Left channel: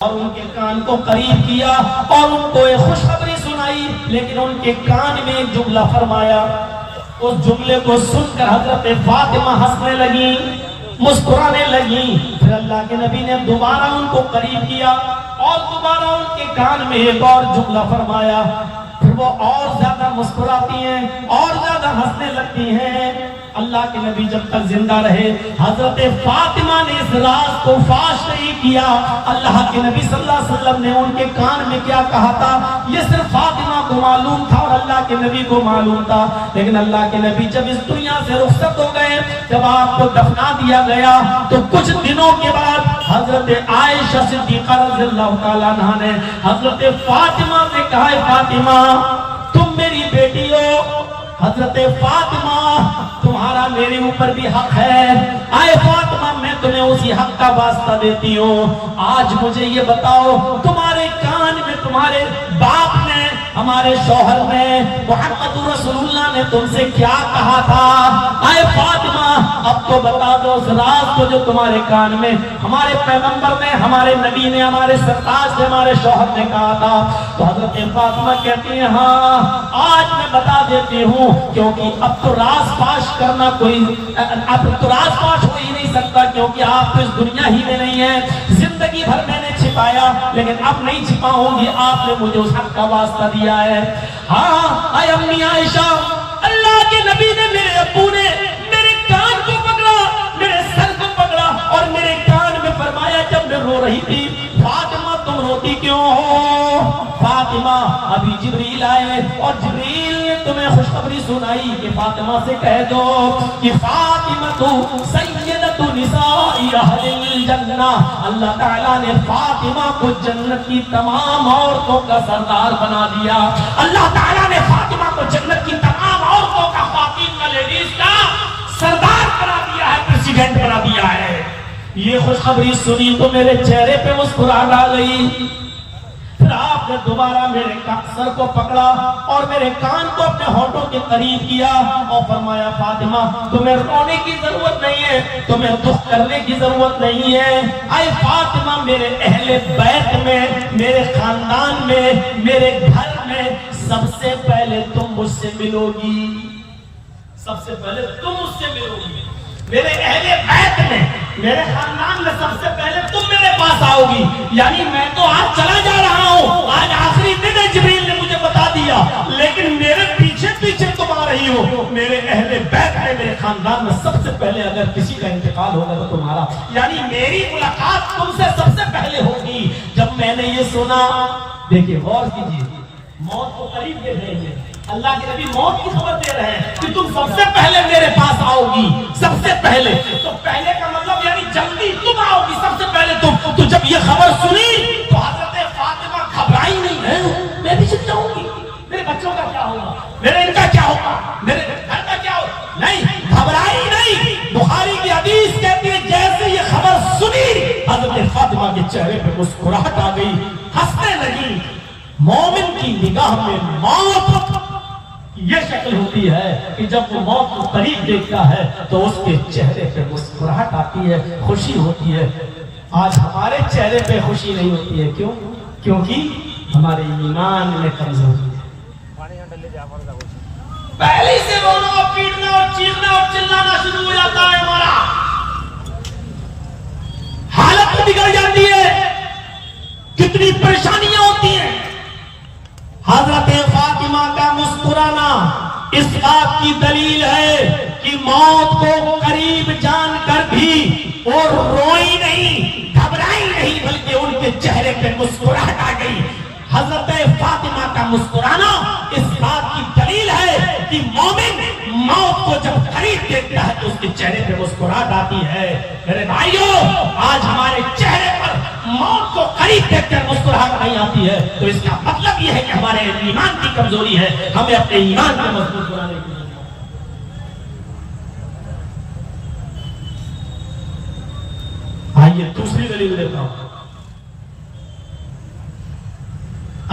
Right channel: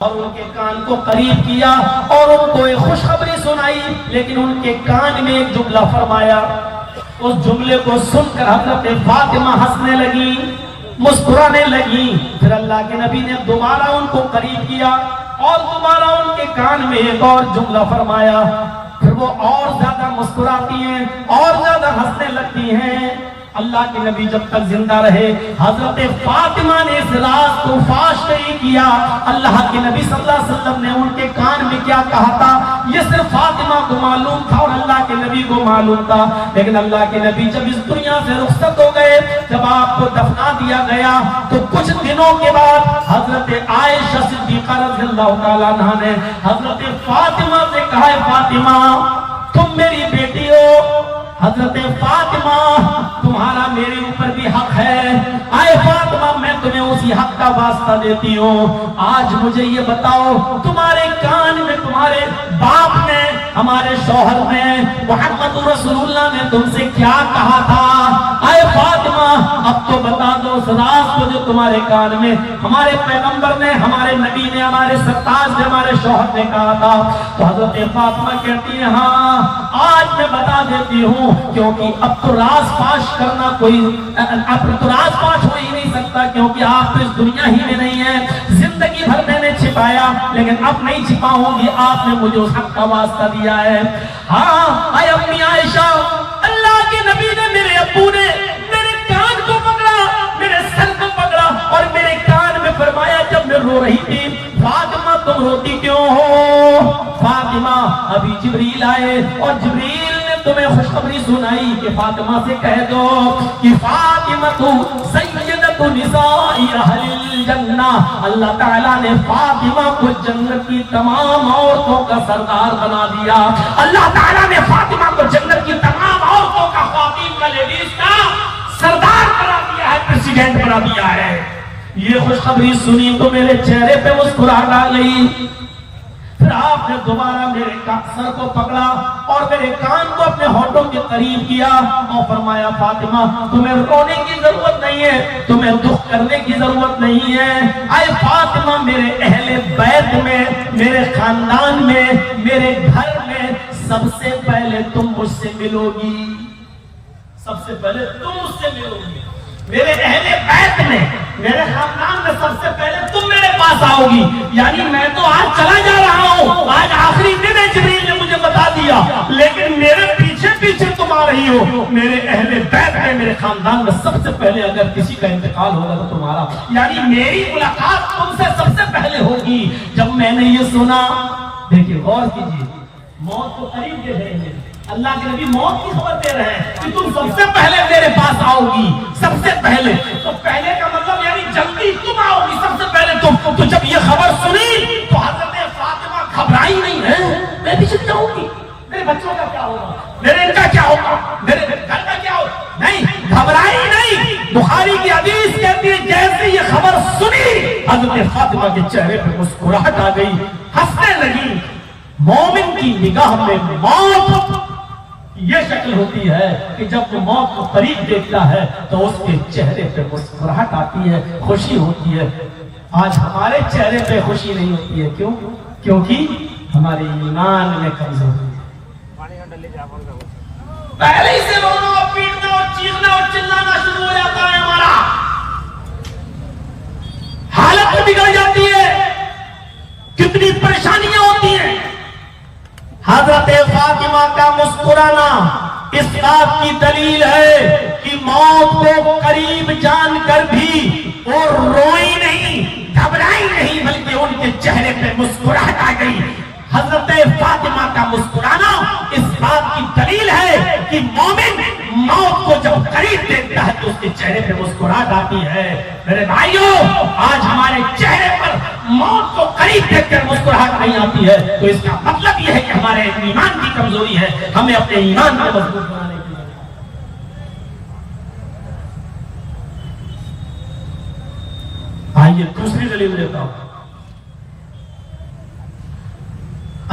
اور ان کے کان کو قریب کیا اور ان کو ایک خوشخبری سنائی، لیکن ان کے کان میں ایک جملہ فرمایا۔ اس جملے کو سن کر حضرت فاطمہ ہنسنے لگی، مسکرانے لگی۔ پھر اللہ کے نبی نے دوبارہ ان کو قریب کیا اور دوبارہ ان کے کان میں ایک اور جملہ فرمایا۔ پھر وہ اور زیادہ مسکراتی ہیں اور زیادہ ہنسنے لگتی ہیں۔ اللہ کے نبی جب تک زندہ رہے حضرت فاطمہ نے اس راز کو فاش نہیں کیا۔ اللہ کے نبی صلی اللہ علیہ وسلم نے ان کے کان میں کیا کہا تھا یہ صرف فاطمہ کو معلوم تھا اور اللہ کے نبی کو معلوم تھا، لیکن اللہ کے نبی جب اس دنیا سے رخصت ہو گئے، جب آپ کو دفنا دیا گیا تو کچھ دنوں کے بعد حضرت عائشہ صدیقہ رضی اللہ تعالیٰ عنہا نے حضرت فاطمہ سے کہا، فاطمہ تم میری بیٹی ہو، حضرت فاطمہ تمہارا میرے اوپر بھی حق ہے، آئے فاطمہ میں تمہیں اسی حق کا واسطہ دیتی ہوں۔ آج مجھے یہ بتاؤ تمہارے کان میں تمہارے باپ نے، ہمارے شوہر نے، محمد رسول اللہ نے تم سے کیا کہا تھا؟ آئے فاطمہ اب تو بتا دو اس راز کو جو تمہارے کان میں ہمارے پیغمبر نے، ہمارے نبی نے، ہمارے سرتاج نے، ہمارے شوہر نے کہا تھا۔ تو حضرت فاطمہ کہتی ہیں ہاں آج میں بتا دیتی ہوں، کیونکہ اب تو راز فاش کرنا اب تو راز فاش ہو ہی نہیں سکتا، کیونکہ آپ تو اس دنیا ہی میں نہیں ہے۔ زندگی بھر میں نے چھپایا لیکن اب نہیں چھپاؤں گی، آپ نے مجھے اس حق کا واسطہ دیا ہے۔ ہاں اے امی عائشہ، اللہ کے نبی نے، میرے ابو نے میرے کان کو پکڑا، میرے سر کو پکڑا اور میرے کان میں فرمایا جب میں رو رہی تھی، فاطمہ تم روتی کیوں ہو؟ فاطمہ ابھی جبریل آئے اور جبریل نے تمہیں خوشخبری سنائی کہ فاطمہ سے کہہ دو کہ فاطمہ تو سیدۃ نساء اہل الجنہ، اللہ تعالیٰ نے فاطمہ کو جنت کی تمام عورتوں کا سردار بنا دیا۔ اللہ تعالیٰ نے فاطمہ کو جنت کی تمام عورتوں کا، خواتین کا، لیڈیز کا سردار بنا دیا ہے، پریزیڈنٹ بنا دیا ہے۔ یہ خوشخبری سنی تو میرے چہرے پہ مسکراہٹ آ گئی۔ پھر آپ نے دوبارہ میرے سر کو پکڑا اور میرے کان کو اپنے ہونٹوں کے قریب کیا اور فرمایا فاطمہ تمہیں رونے کی ضرورت نہیں ہے، تمہیں دکھ کرنے کی ضرورت نہیں ہے۔ اے فاطمہ میرے اہل بیت میں، میرے خاندان میں، میرے گھر میں سب سے پہلے تم مجھ سے ملو گی، سب سے پہلے تم مجھ سے ملو گی۔ میرے اہل بیت میں، میرے خاندان میں سب سے پہلے تم میرے پاس آؤ گی۔ یعنی میں تو آج چلا جا رہا ہوں، آج آخری دن ہے، جبریل نے مجھے بتا دیا، لیکن میرے پیچھے پیچھے تم آ رہی ہو۔ میرے اہل بیت میں، میرے خاندان میں سب سے پہلے اگر کسی کا انتقال ہوگا تو تمہارا، یعنی میری ملاقات تم سے سب سے پہلے ہوگی۔ جب میں نے یہ سنا، دیکھیے غور کیجیے، موت کو قریب دیکھ رہے ہیں، اللہ کے نبی موت کی خبر دے رہے ہیں کہ تم سب سے پہلے میرے پاس آؤ گی، سب سے پہلے۔ تو پہلے کا مطلب یعنی جلدی تم آؤ گی، سب سے پہلے تم۔ تو جب یہ خبر سنی تو حضرت فاطمہ گھبرائی نہیں ہے، میں بھی کیا ہوگی، میرے بچوں کا کیا ہوگا، میرے ان کا کیا ہوگا، میرے گھر کا کیا ہوگا، نہیں گھبرائی نہیں۔ بخاری کی حدیث کہتی ہے جیسے یہ خبر سنی حضرت فاطمہ کے چہرے پہ مسکراہٹ آ گئی، ہنسنے لگی۔ مومن کی نگاہ میں موت یہ شکل ہوتی ہے کہ جب وہ موت کو قریب دیکھتا ہے تو اس کے چہرے پہ مسکراہٹ آتی ہے، خوشی ہوتی ہے۔ آج ہمارے چہرے پہ خوشی نہیں ہوتی ہے، کیوں؟ کیونکہ ہمارے ایمان میں کمزوری ہے۔ پہلے ہی سے رونا اور پیٹنا اور چیخنا اور چلانا شروع ہو جاتا ہے، ہمارا حالت بگڑ جاتی ہے، کتنی پریشانیاں ہوتی ہیں۔ حضرت فاطمہ کا مسکرانا اس بات کی دلیل ہے کہ موت کو قریب جان کر بھی وہ روئی نہیں، گھبرائی نہیں، بلکہ ان کے چہرے پہ مسکراہٹ آ گئی۔ حضرت فاطمہ کا مسکرانا اس بات کی دلیل ہے کہ مومن موت کو جب قریب دیکھتا ہے تو اس کے چہرے پہ مسکراہٹ آتی ہے۔ میرے بھائیوں، آج ہمارے چہرے پر موت کو قریب دیکھ کر مسکراہٹ نہیں آتی ہے تو اس کا مطلب یہ ہے کہ ہمارے ایمان کی کمزوری ہے، ہمیں اپنے ایمان کو مضبوط بنانے کی ضرورت ہے۔ آئیے دوسری دلیل دیتا ہوں۔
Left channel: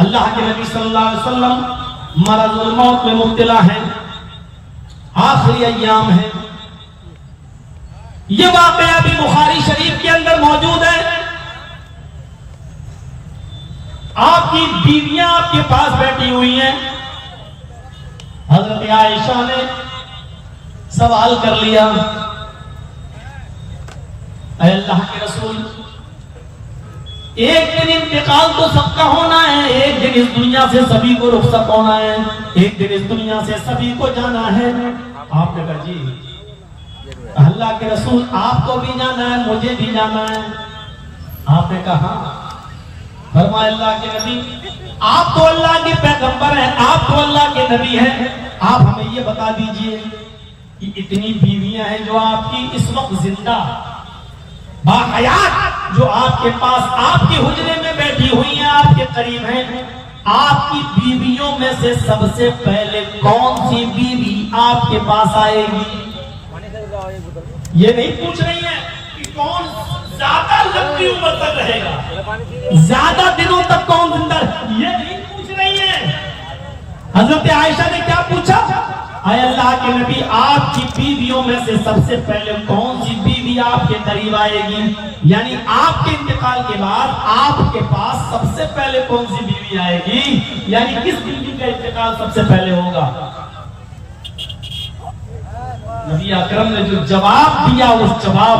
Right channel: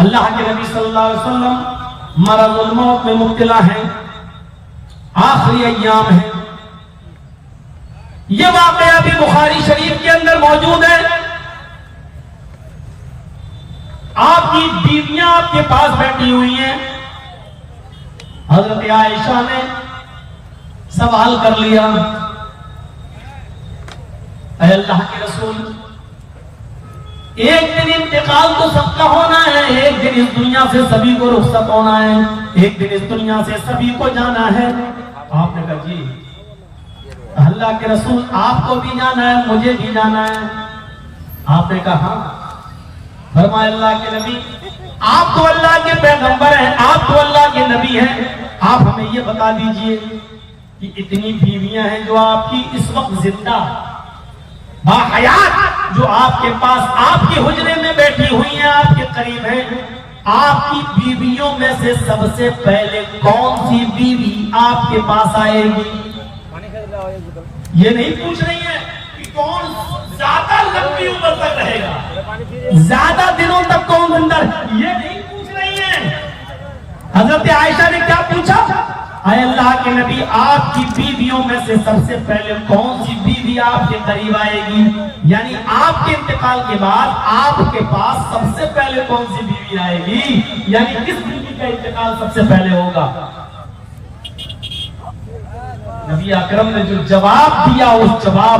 اللہ کے نبی صلی اللہ علیہ وسلم مرض الموت میں مبتلا ہیں، آخری ایام ہے۔ یہ واقعہ بھی بخاری شریف کے اندر موجود ہے۔ آپ کی بیویاں آپ کے پاس بیٹھی ہوئی ہیں. حضرت عائشہ نے سوال کر لیا, اے اللہ کے رسول, ایک دن انتقال تو سب کا ہونا ہے, ایک دن اس دنیا سے سبھی کو رخصت ہونا ہے, ایک دن اس دنیا سے سبھی کو جانا ہے. آپ نے کہا جی اللہ کے رسول آپ کو بھی جانا ہے, مجھے بھی جانا ہے. آپ نے کہا ہاں. فرمایا اللہ کے نبی, آپ تو اللہ کے پیغمبر ہیں, آپ تو اللہ کے نبی ہیں, آپ ہمیں یہ بتا دیجئے کہ اتنی بیویاں ہیں جو آپ کی اس وقت زندہ باحیات, جو آپ کے پاس آپ کے حجرے میں بیٹھی ہوئی ہیں, آپ کے قریب ہیں, آپ کی بیویوں میں سے سب سے پہلے کون سی بیوی آپ کے پاس آئے گی؟ یہ نہیں پوچھ رہی ہیں کہ کون زیادہ لمبی عمر تک رہے گا, زیادہ دنوں تک کون زندہ, یہ نہیں پوچھ رہی ہیں. حضرت عائشہ نے کیا پوچھا؟ اے اللہ کے نبی, آپ کی بیویوں میں سے سب سے پہلے کون سی بیوی آپ کے قریب آئے گی؟ یعنی آپ کے انتقال کے بعد آپ کے پاس سب سے پہلے کون سی بیوی آئے گی, یعنی کس بیوی کا انتقال سب سے پہلے ہوگا؟ نبی اکرم نے جو جواب دیا, اس جواب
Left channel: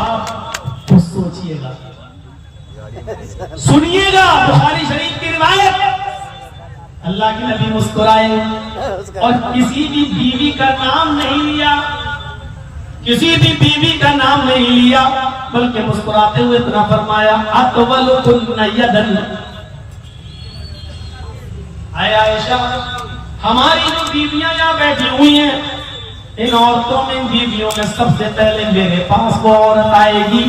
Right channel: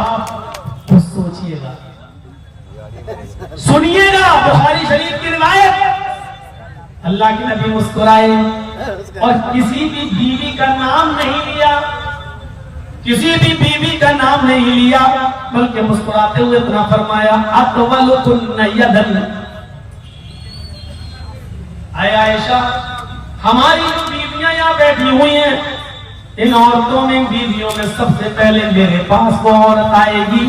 کو سوچئے گا, سنیے گا. بخاری شریف کی روایت, اللہ کے نبی مسکرائے اور کسی کی بیوی کا نام نہیں لیا, کسی بھی بیوی کا نام نہیں لیا, بلکہ مسکراتے ہوئے اتنا فرمایا, اطولکن یدن, اے عائشہ, ہماری جو بیویاں یہاں بیٹھی ہوئی ہیں, ان عورتوں میں, بیویوں میں سب سے پہلے میرے پاس وہ عورت آئے گی,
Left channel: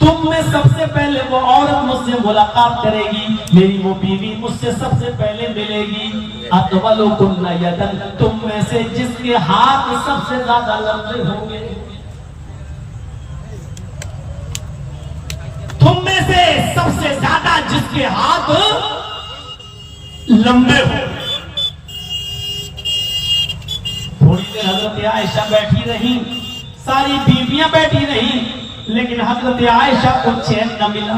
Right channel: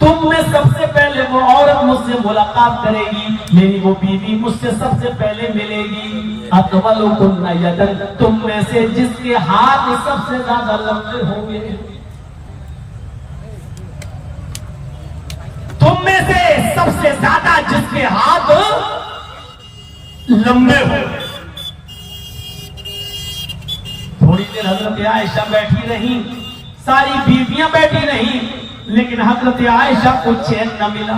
تم میں سب سے پہلے وہ عورت مجھ سے ملاقات کرے گی, میری وہ بیوی مجھ سے سب سے پہلے ملے گی. اطولکن یدن, تم میں سے جس کے ہاتھ سب سے زیادہ لمبے ہوں گے, تم میں سے سب سے زیادہ جس کے ہاتھ لمبے ہوں گے. تھوڑی دیر حضرت عائشہ بیٹھی رہی, ساری بیویاں بیٹھی رہی, لیکن حضرت عائشہ کو چین نہ ملا.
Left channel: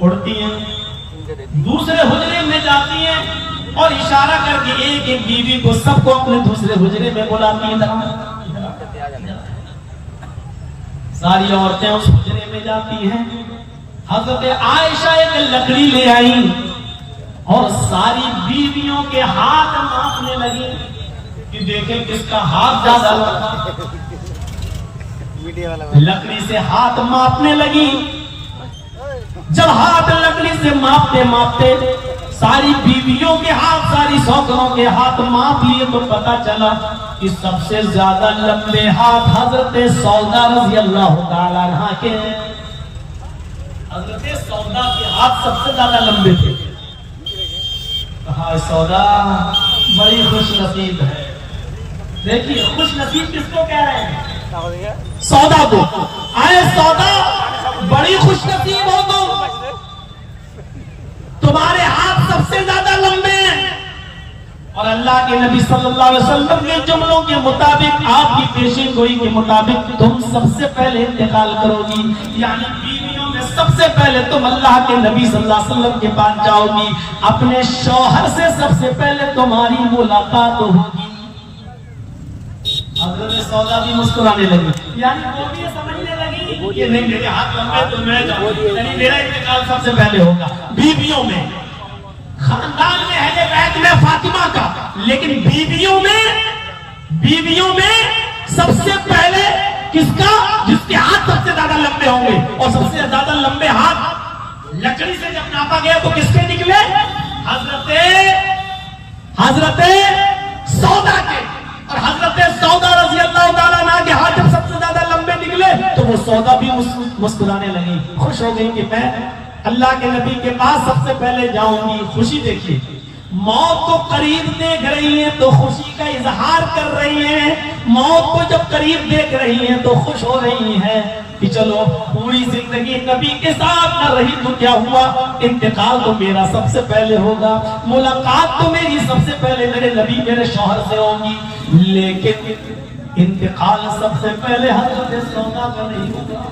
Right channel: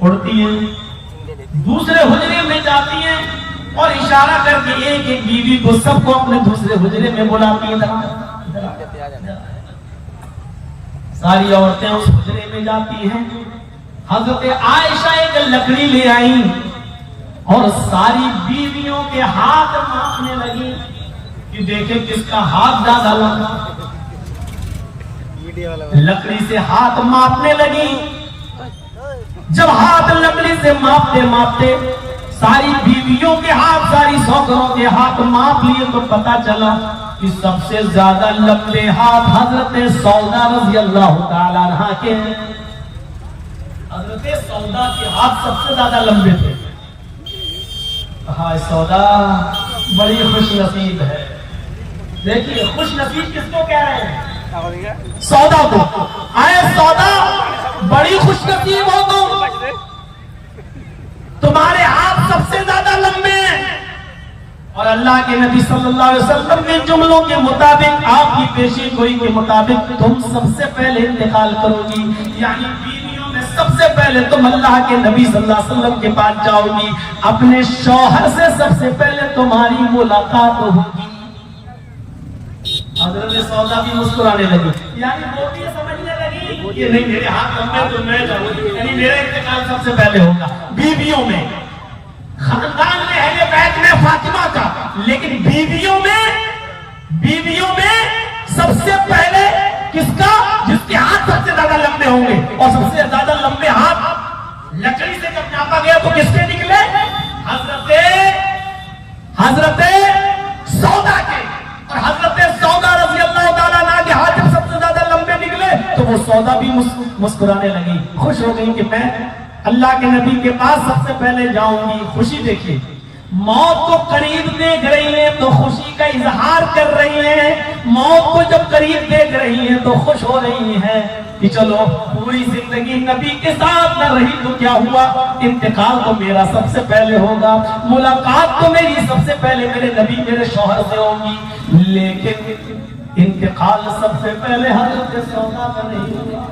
اڑتی ہیں, دوسرے حجرے میں جاتی ہیں اور اشارہ کر کے ایک ایک بیوی کو سب کو اپنے دوسرے حجرے میں بلاتی ہیں. ساری عورتیں اس حجرے میں جاتی ہیں. حضرت عائشہ ایک لکڑی لے آئی اور ساری بیویوں کے ہاتھ ماپنے لگی کہ دیکھیں کس کا ہاتھ زیادہ لمبا. لکڑی سے ہاتھ ماپنے لگی. جب ہاتھ لکڑی سے ماپتے ماپتے ساری بیویوں کے ہاتھ, ساری سوکروں کے ہاتھ ماپ لیے تو پتا چلا کہ سب سے زیادہ لمبے ہاتھ حضرت سودا رضی اللہ تعالی عنہا کے. حضرت سودا کے ہاتھ سب سے زیادہ لمبے تھے. سودا بڑی خوش نصیب ہے. دیکھیے خوش نصیب کس کو کہہ رہے ہیں؟ سودا کو. آئے سودا, بڑی خوش نصیب ہو تم, تمہارے ہاتھ سب سے زیادہ لمبے ہیں. اور اللہ کے نبی صلی اللہ علیہ وسلم کے جملوں کے مطابق, آپ کی پیشین گوئی کے مطابق, تم سب سے پہلے انتقال کرو گی, یعنی بیویوں میں سب سے پہلے تم اللہ کے نبی صلی اللہ علیہ وسلم کے پاس جاؤ گی, اپنے شوہر سے سب سے پہلے تمہاری ملاقات ہوگی. حضرت سودا بھی مسکرانے لگی, یعنی وہ بھی سمجھنے لگی کہ نہیں میرے ہاتھ لمبے تو میں جاؤں گی, یعنی میرا انتقال سب سے پہلے ہوگا. بیویوں میں, خاندان میں ہے یہ بیت میں فاطمہ کا, لیکن بیویوں میں سب سے پہلے کس کا؟ جس کے ہاتھ سب سے زیادہ لمبے ہوں گے. اور سب سے زیادہ لمبے ہاتھ لکڑی سے جب ناپا گیا تو کس کے نکلے؟ حضرت سودا کے. اور حضرت سودا رضی اللہ تعالیٰ عنہ کے ہاتھ جب سب سے زیادہ لمبے نکلے تو وہ سودا بھی مسکرانے لگی, خوش ہو گئی کہ میں اللہ کے نبی کے پاس سب سے پہلے جاؤں گی. خوشی دیکھیے, موت کو قریب دیکھ رہی ہیں تو خوشی کا اظہار کر رہی ہیں, موت کو جب قریب دیکھ رہی ہیں تو خوش ہو رہی ہیں کہ چلو پوری زندگی نبی کے ساتھ نہ رہی تو کیا ہوا, انتقال تو میرا سب سے پہلے ہوگا, ملاقات تو میری سب سے پہلے میرے نبی میرے شوہر سے ہوگی, لیکن انتقال سب سے پہلے حضرت سودا کا نہیں ہوا.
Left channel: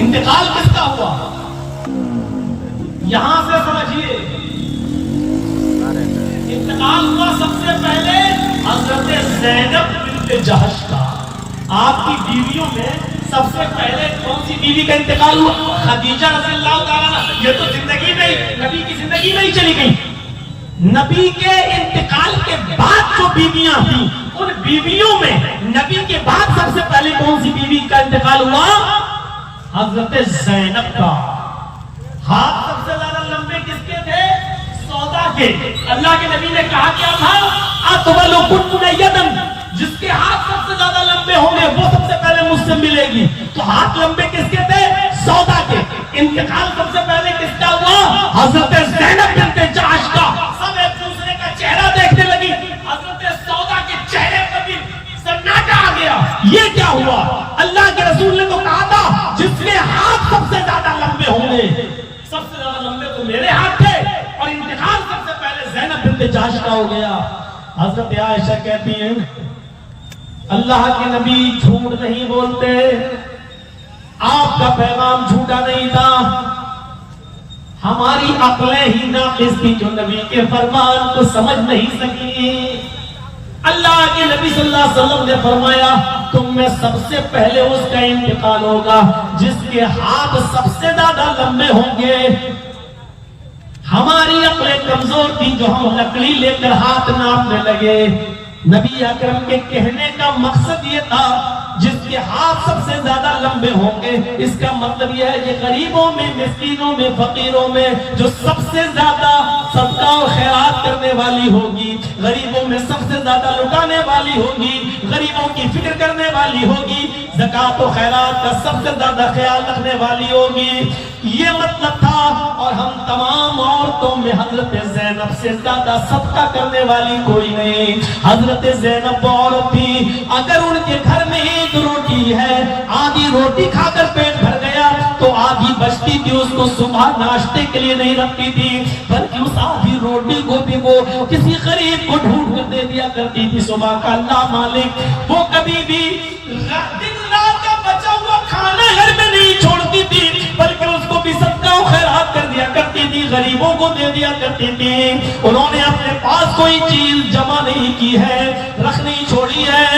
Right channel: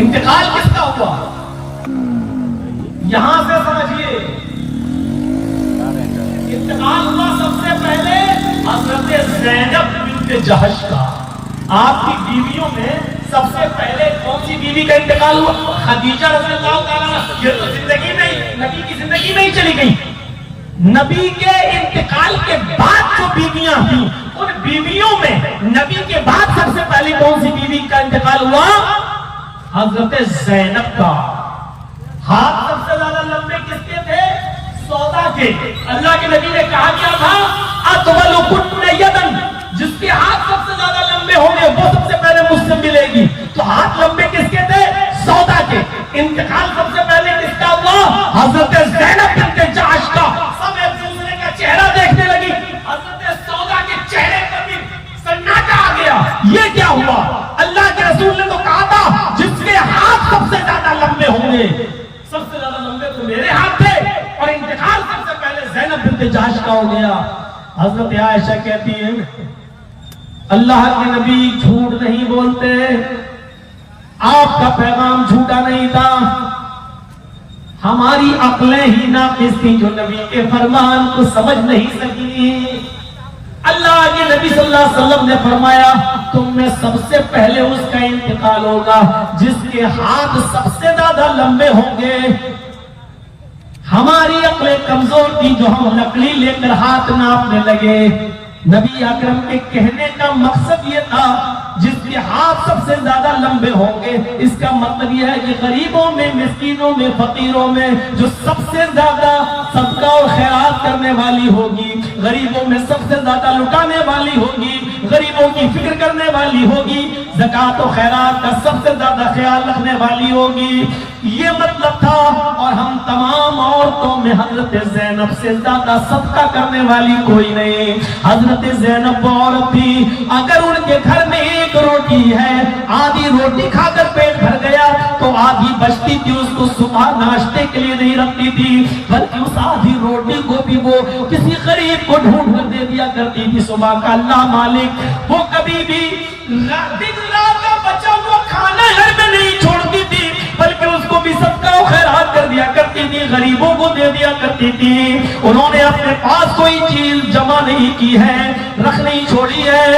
انتقال کس کا ہوا؟ بنت جہش کا. آپ کی بیویوں میں سب سے پہلے کون سی بیوی کا انتقال ہوا؟ خدیجہ رضی اللہ تعالیٰ عنہ. یہ تو زندگی میں نبی کی زندگی میں ہی چلی گئی. نبی کے انتقال کے بعد جو بیویاں تھیں ان بیویوں میں نبی کے بعد سب سے پہلے کون سی بیوی کا انتقال ہوا؟ حضرت زینب کا. ہاتھ سب سے زیادہ لمبے کس کے تھے؟ سودا کے. اللہ کے نبی نے کہا کیا تھا؟ اطولکن یدن، جس کے ہاتھ سب سے زیادہ لمبے ہوں گے وہ سب سے پہلے مجھ سے ملے گی. تو ہاتھ لمبے کس کے تھے؟ سودا کے. انتقال سب سے پہلے کس کا ہوا؟ حضرت زینب بنت جہش کا. سب ایک دوسرے کا چہرہ دیکھنے لگی. حضرت سودا کے چہرے پر بھی سناٹا آ گیا. یہ کیا ہوا؟ اللہ کے رسول نے تو کہا تھا جس کے ہاتھ سب سے زیادہ لمبے ہوں گے. سب سے زیادہ لمبے تو میرے ہاتھ تھے اور انتقال سب سے پہلے زینب بنت جہش کا ہو گیا. حضرت عائشہ کہتی ہیں اللہ کے نبی جھوٹ نہیں بولتے، آپ کا پیغام جھوٹا نہیں تھا، ہماری عقلیں ہی ناقص تھی جو نبی کے فرمان کو سمجھ نہیں سکی. اللہ کے نبی صلی اللہ علیہ وسلم نے فرمایا تم میں سب سے پہلے اس کا انتقال ہوگا جس کے ہاتھ سب سے زیادہ لمبے ہوں گے. ہماری عقلیں کمزور تھی جو ہم لکڑی لے کر ہاتھ ناپنے لگے. نبی اکرم کے کہنے کا مقصد یہ تھا جس کے ہاتھ سب سے زیادہ لمبے ہوں گے. اس کا مطلب یہ ہے کہ غریبوں میں، مسکینوں میں، فقیروں میں جو سب سے زیادہ صدقہ اور خیرات کرنے والی ہوگی، غریبوں میں سب سے زیادہ لٹانے والی ہوگی، غریبوں کی فکر کرنے والی ہوگی، زکوٰۃ و خیرات کا سب سے زیادہ خیال رکھنے والی ہوگی. یہ مطلب تھا. اور ہم تمام عورتوں میں حضرت زینب سے زیادہ صدقہ کرنے والی کوئی نہیں. حضرت زینب عورت تھی، اگر ان کے گھر میں ایک روٹی ہے، آدھی روٹی کھا کر پیٹ بھر گیا تو آدھی بچتی تھی، اس کو صبح ناشتے کے لیے نہیں رکھتی تھی بلکہ اس آدھی روٹی کو بھی وہ کسی غریب کو ڈھونڈ کر دے دیا کرتی تھی. صبح کا اللہ مالک وہ کبھی بھی دن رات کا بچا ہوا کھانا گھر میں نہیں چھوڑتی تھی بلکہ اس کو بھی صدقہ و خیرات کر دیا کرتی تھی، غریبوں کو دے دیا کرتی تھی. انہوں نے اپنے پاس کوئی چیز جمع نہیں کی ہے، رکھ نہیں چھوڑی ہے.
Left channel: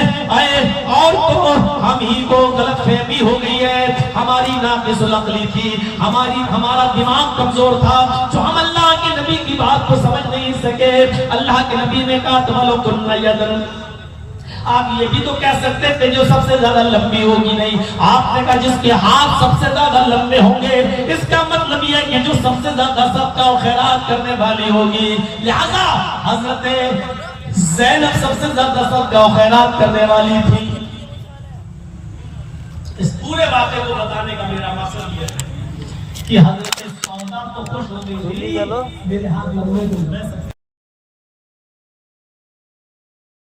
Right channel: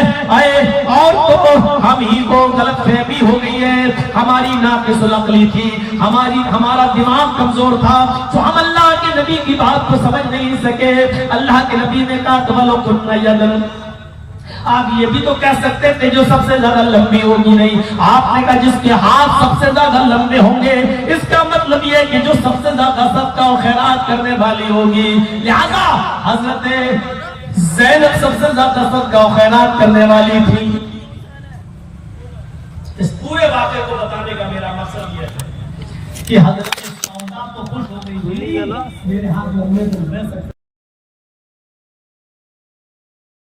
اور تو ہم ہی کو غلط فہمی ہو گئی ہے، ہماری ناقص العقلی تھی، ہمارا دماغ کمزور تھا جو ہم اللہ کے نبی کی بات کو سمجھ نہیں سکے. اللہ کے نبی نے کہا تولکن یدن. آپ یہ بھی تو کہہ سکتے تھے جو سب سے زیادہ لمبی ہوگی. نہیں، آپ نے کہا جس کے ہاتھ سب سے زیادہ لمبے ہوں گے. اس کا مطلب یہ ہے کہ جو سب سے زیادہ صدقہ و خیرات کرنے والی ہوگی. لہذا حضرت زینب سب سے زیادہ صدقہ و خیرات کرنے والی تھی. اس پورے واقعے کو بتانے کا میرا مقصد یہ ہے کہ حضرت سودا تو خوش ہو گئی ہوئی، میرے ہاتھ لمبے تو